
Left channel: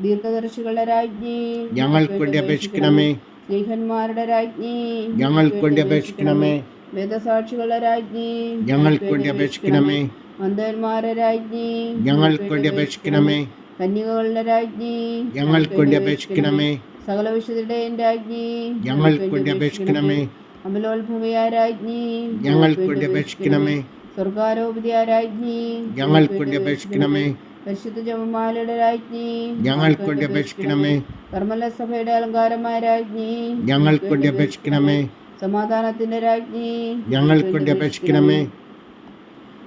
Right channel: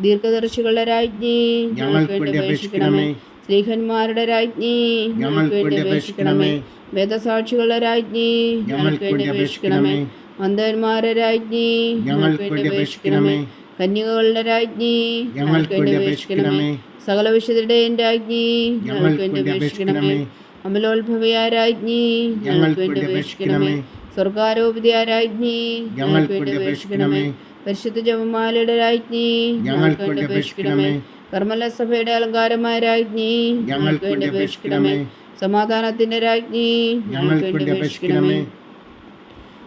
ദീർഘദർശികളുടെ രാജ്ഞി. ഞങ്ങൾക്ക് വേണ്ടി അപേക്ഷിക്കണമേ. സ്നേഹന്മാരുടെ രാജ്ഞി. ഞങ്ങൾക്ക് വേണ്ടി അപേക്ഷിക്കണമേ. വേദസാക്ഷികളുടെ രാജ്ഞി. ഞങ്ങൾക്ക് വേണ്ടി അപേക്ഷിക്കണമേ. അന്ധന്മാരുടെ രാജ്ഞി. ഞങ്ങൾക്ക് വേണ്ടി അപേക്ഷിക്കണമേ. കന്യകകളുടെ രാജ്ഞി. ഞങ്ങൾക്ക് വേണ്ടി അപേക്ഷിക്കണമേ. സകല വിശുദ്ധരുടെയും രാജ്ഞി. ഞങ്ങൾക്ക് വേണ്ടി അപേക്ഷിക്കണമേ. അമലോത്ഭവയ രാജ്ഞി. ഞങ്ങൾക്ക് വേണ്ടി അപേക്ഷിക്കണമേ. സ്വർഗാരോപിതയ രാജ്ഞി. ഞങ്ങൾക്ക് വേണ്ടി അപേക്ഷിക്കണമേ. പരിശുദ്ധ ജപമാലയുടെ രാജ്ഞി ഞങ്ങൾക്കൊണ്ട് അപേക്ഷിക്കണമേ. കർമ്മല സഭയുടെ അലങ്കാരമായ രാജ്ഞി ഞങ്ങൾക്കൊണ്ട് അപേക്ഷിക്കണമേ. സമാധാനത്തിന്റെ രാജ്ഞി. ഞങ്ങൾക്കൊണ്ട് അപേക്ഷിക്കണമേ.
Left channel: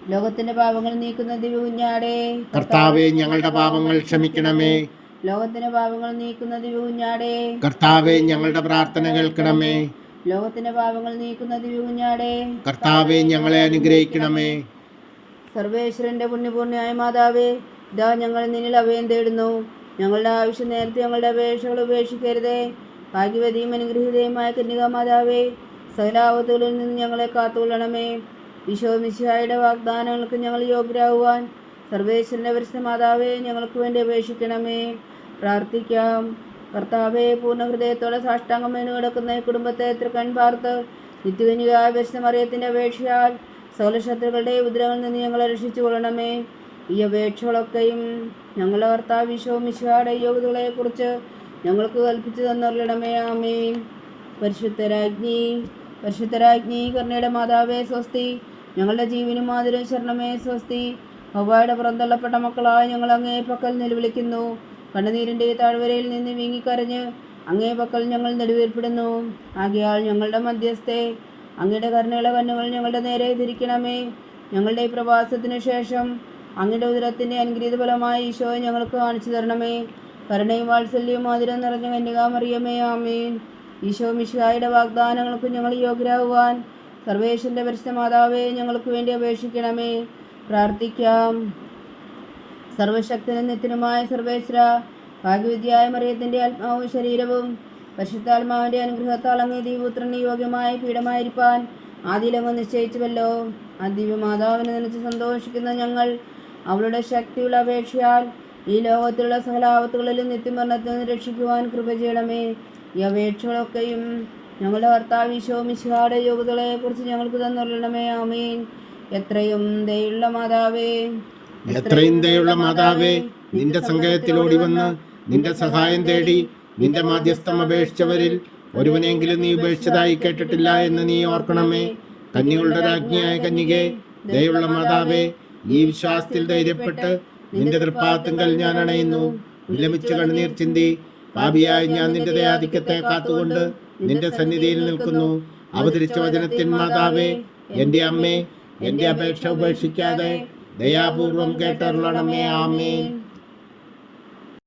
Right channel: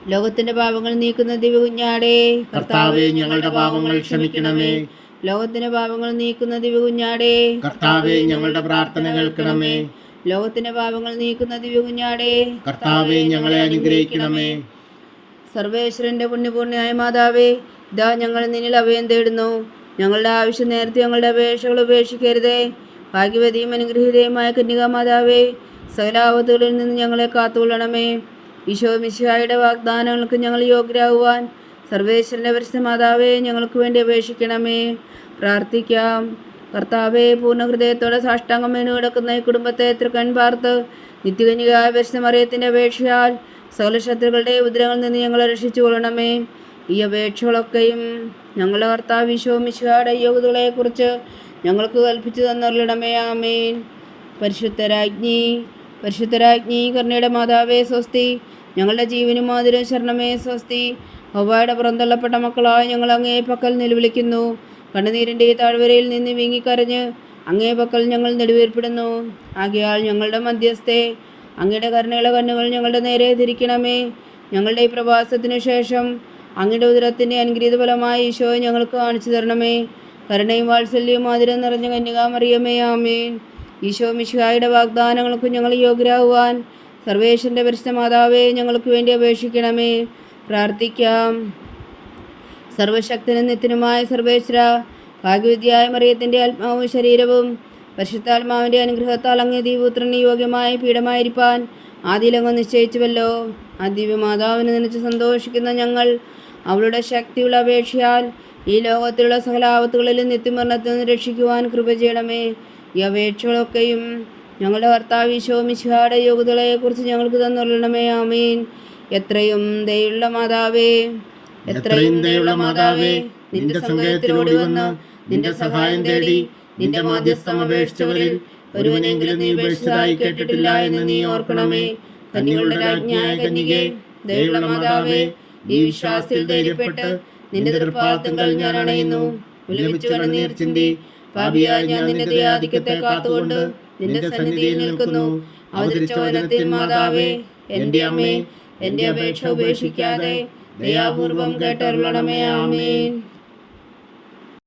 ലോകത്തിന്റെ പാപങ്ങൾ നീക്കുന്ന ദിവകുഞ്ഞാടേ കർത്താവെ ഞങ്ങളുടെ പാപങ്ങൾ ക്ഷമിക്കണമേ. ലോകത്തിന്റെ പാപങ്ങൾ നീക്കുന്ന ദിവകുഞ്ഞാടേ കർത്താവെ ഞങ്ങളുടെ പ്രാർത്ഥന കേൾക്കണമേ. ലോകത്തിന്റെ പാപങ്ങൾ നീക്കുന്ന ദിവകുഞ്ഞാടേ കർത്താവെ ഞങ്ങളെ അനുഗ്രഹിക്കണമേ. സർവേശ്വരന്റെ പുണ്യപൂർണയായ മാതാവേ ഇതാ ഞങ്ങൾ നിന്നിൽ അഭയം തേടുന്നു. ഞങ്ങളുടെ ആവശ്യം നേരത്തെ ഞങ്ങളുടെ അപേക്ഷകൾ ഉപേക്ഷിക്കരുതേ. ഭാഗ്യവതിയും അനുഗ്രഹീതയുമായ കന്യക മാതാവേ സകലാപത്തുകളിൽ നിന്ന് ഞങ്ങളെ കാത്തുകൊള്ളണമേ. ഈശോ മിശിഹായുടെ വാഗ്ദാനങ്ങൾക്ക് ഞങ്ങൾ യോഗ്യരാകുവാൻ സർവേശ്വരന്റെ പരിശുദ്ധ ഞങ്ങൾക്ക് വേണ്ടി അപേക്ഷിക്കണമേ. പ്രാർത്ഥിക്കാം. കർത്താവെ പൂർണ ഹൃദയത്തോടെ സാഷ്ടാംഗം കിടക്കുന്ന ഈ കുടുംബത്തെ തൃക്കൺ പാർത്ത് നിത്യകന്യകായ പരിശുദ്ധ അപേക്ഷയാൽ സകല ശത്രുക്കളുടെ ഉദരങ്ങളിൽ നിന്ന് ഞങ്ങളെ രക്ഷിച്ചു കൊള്ളണമേ ഈ അപേക്ഷകളൊക്കെയും ഞങ്ങളുടെ കർത്താവ് വിശോ മിശുഹായുടെ യോഗ്യതകളെക്കുറിച്ച് ഞങ്ങൾക്ക് കൽപ്പിച്ചു തന്നറിയണമേ ആമേൻ. പരിശുദ്ധരാജ്ഞി പരിശുദ്ധരാജ്ഞി കർണയുടെ മാതാവേ സ്വസ്തി. ഞങ്ങളുടെ ജീവനും മാതിരും ശരണമേ സ്വസ്തി. ഹവായുടെ പുറന്തള്ളപ്പെട്ട മക്കളായ ഞങ്ങൾ അങ്ങേ പക്കൽ നിലവിളിക്കുന്നു. കണ്ണുനീരിന്റെ താഴ്വരയിൽ നിന്ന് വീങ്ങിക്കരഞ്ഞ് അങ്ങേ പക്കൽ ഞങ്ങൾ നെടുവേർപ്പെടുന്നു. ആകയാൽ ഞങ്ങളുടെ മധ്യസ്ഥെ അങ്ങയുടെ കരുണയുള്ള കണ്ണുകൾ ഞങ്ങളുടെ നേരെ തിരിക്കണമേ. ഞങ്ങളുടെ ഈ പ്രവാസത്തിന് ശേഷം അങ്ങയുടെ ഉദരത്തിന്റെ അനുഗ്രഹീത ഫലമായ ഈശോയെ ഞങ്ങൾക്ക് കാണിച്ചു തരണമേ. കരുണയും വാത്സല്യവും മധുരം നിറഞ്ഞ കന്യകാമറിയമേ ആമേൻ. ഈശോ മിശിഹായുടെ വാഗ്ദാനങ്ങൾക്ക് ഞങ്ങൾ യോഗ്യരാകുവാൻ സർവേശ്വരന്റെ പരിശുദ്ധ മാതാവേ ഞങ്ങൾക്ക് വേണ്ടി അപേക്ഷിക്കണമേ. പ്രാർത്ഥിക്കാം. സർവശക്തനും നിത്യനുമായ സർവേശ്വര ഭാഗ്യവിദ്യായ മറിയത്തിന്റെ ആത്മാവും ശരീരവും പരിശുദ്ധാത്മാവിന്റെ അനുഗ്രഹത്താൽ അങ്ങ് ദീപുത്രന് യോഗ്യമായ പീഠമായിരിക്കാൻ ആദ്യലങ്ങ് നിശ്ചയിച്ചുവല്ലോ. ആ ദിവ്യമാതാവിനെ നനച്ച് സന്തോഷിക്കുന്ന ഞങ്ങൾ അവളുടെ ശക്തിയുള്ള അപേക്ഷയാൽ ഈ ലോകത്തിലുള്ള സകലാപത്തുകളിലും നിത്യമരണത്തിൽ നിന്ന് രക്ഷിക്കുവാൻ കൃപ ചെയ്യണമേ. ഈ അപേക്ഷകളൊക്കെയും ഞങ്ങളുടെ കർത്താവ് ഈശോ മിശിഹായുടെ യോഗ്യതകളെക്കുറിച്ച് ഞങ്ങൾക്ക് തന്നുള്ളണമേ ആമീൻ. എത്രയും ദയുള്ള മാതാവേ എത്രയും ദയുള്ള മാതാവേ നിന്റെ സങ്കേതത്തിലോടി വന്ന് നിന്റെ സഹായം തേടി നിന്റെ മാധ്യസ്ഥം അപേക്ഷിച്ചവരിൽ ഒരുവനെങ്കിലും നീ ഉപേക്ഷിച്ചതായി കേട്ടിട്ടില്ല എന്ന് നീ ഓർക്കണമേ. കന്യകളുടെ രാജ്ഞിയായ കന്യകെ ദയുള്ള മാതാവേ ഈ വിശ്വാസത്തിൽ ധൈര്യപ്പെട്ട് നിന്റെ തൃപ്പാത്തുങ്കൽ ഞാൻ അണയുന്നു. വിലമിച്ചു കണ്ണീർ ചിന്തി പാപിയായ ഞാൻ നിന്റെ ദയാധിക്യത്തെ കാത്തുകൊണ്ട് നിന്റെ സന്നിധിയിൽ നിൽക്കുന്നു. അവതരിച്ച വചനത്തിൻ മാതാവേ എന്റെ അമ്മേ എന്റെ അപേക്ഷ ഉപേക്ഷിക്കാതെ ദയാപൂർവം കേട്ടരുളണമേ ആമേൻ.